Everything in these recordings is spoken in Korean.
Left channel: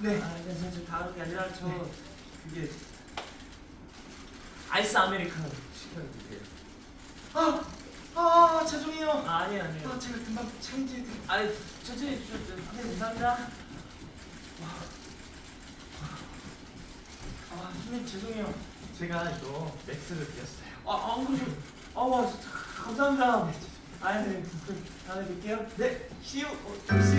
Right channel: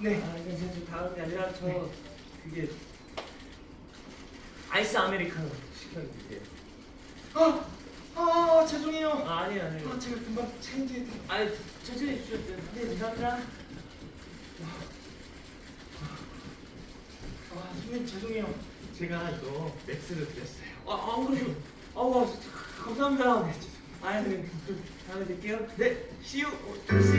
네. 아, 근데 제가 지금 다른 게 아니라 저 그게 아이스 아메리카노 시켜주세요. 아, 아 죄송해요. 아, 아니에요, 아니에요. 아 제가 금방 체인지해드릴게요. 아니, 천천히 주셔도 선생님 감사합니다. 아 선생님 죄송해요. 제가 이거 맥스를 드렸어요. 아, 아, 그러죠. 아, 와, 감사합니다. 아, 네, 그, 다음에 뵐게요. 네, 시우 씨.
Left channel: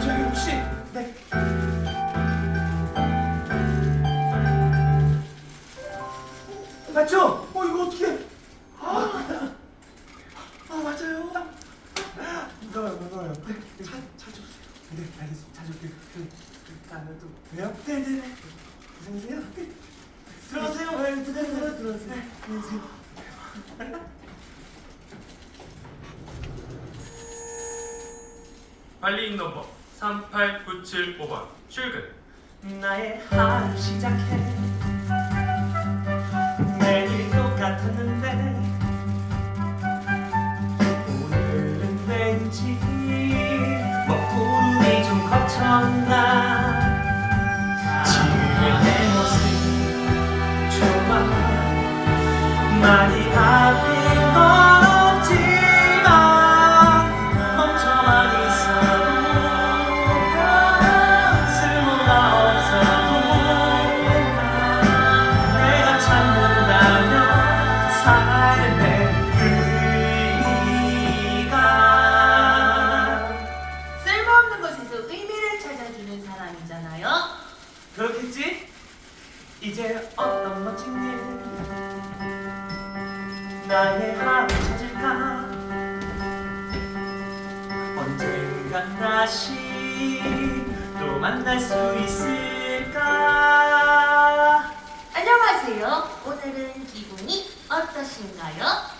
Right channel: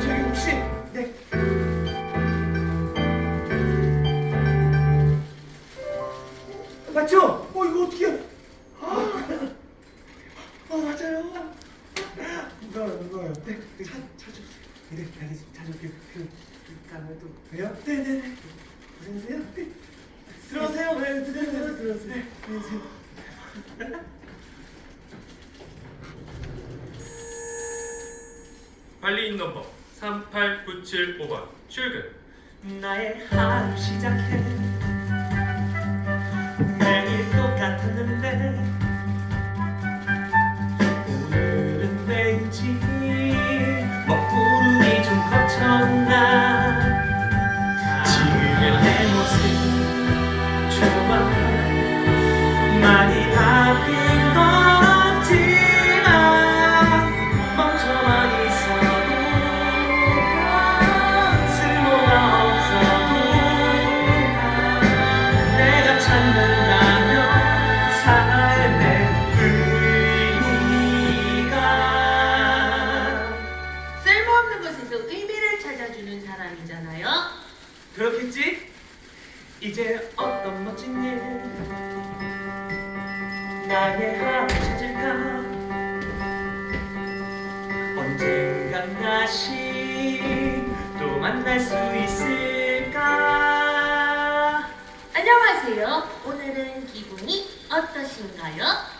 저기 혹시 네. 맞죠? 어 이거 어떻게? 아, 아 맞아요. 무거워요, 무거워요. 네, 차, 차 주세요. 네, 알겠습니다. 차 줄게요. 그, 그 다음에 또 봬요? 네, 네, 네. 들어오세요. 네. 들어오세요. 네, 관리인 넘버 38975번. 출근. 나의 하루 시작해. 매일 똑같았는데. 오늘은 왠지 먹구름이 좀 거쳤나 사람이잖아요. 그렇겠지? 이제 어떤 멋진 일 나의 하루 찾을까 언젠간 다시 또 만날 수 있을까 안녕하세요. 오늘은 기분이 어떠신가요?